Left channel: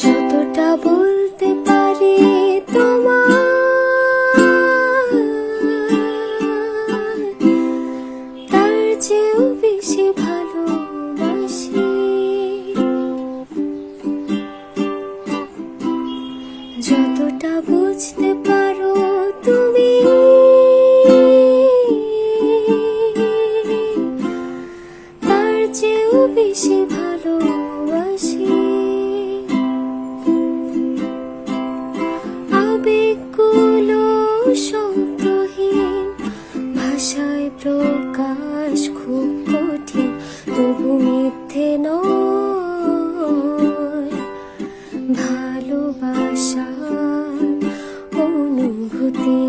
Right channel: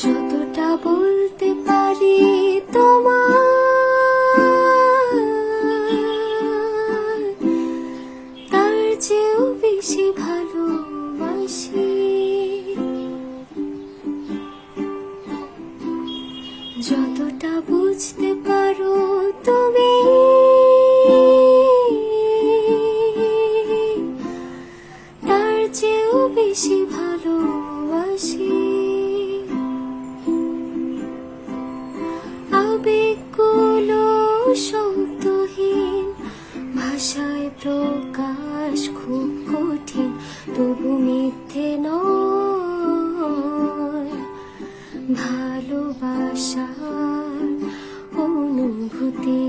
যতটা বলতে পারি তোমায়, তার চেয়েও বেশি ভালোবাসি। যতটা বুঝতে পারো তুমি, তার চেয়েও বেশি ভালোবাসি। আবেগগুলো শব্দহীন, ভাষায় প্রকাশ খুব কঠিন, তবু মিথ্যে নয় ভালোবাসার অনুভূতি।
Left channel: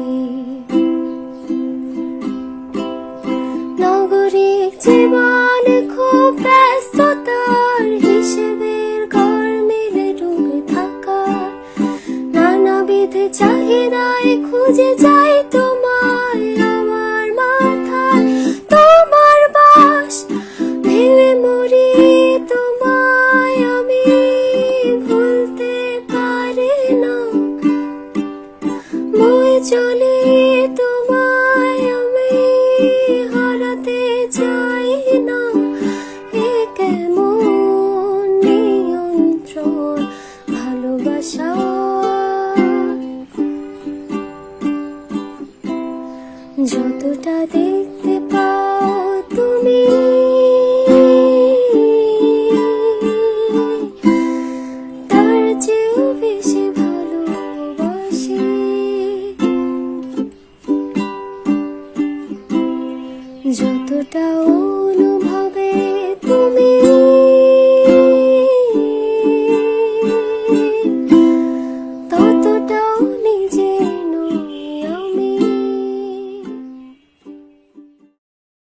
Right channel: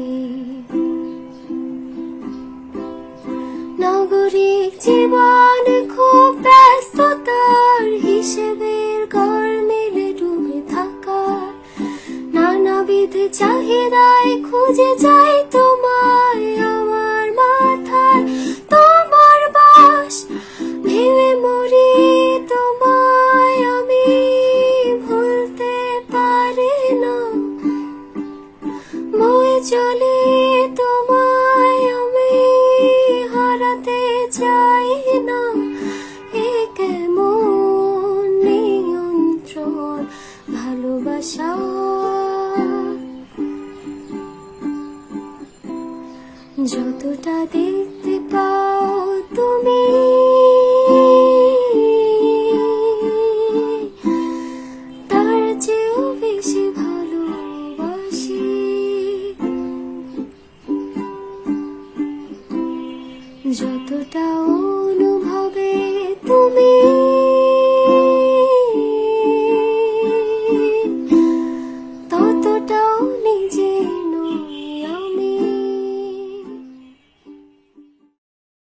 নগরিক জীবনে খুব ব্যস্ততার হিসেবের ঘর মেলে ডুবে থাকা, নানাবিধ চাহিদায় খুঁজে যাই তোমায় আমার মাথায়। তোমার বাস ভেবে মরি তোমায় আমি ভুলতে পারি না, বয়ে চলি তোমায় আমি হারাতে চাই না। এ কেমন নিয়ন্ত্রণ ভালোবাসা।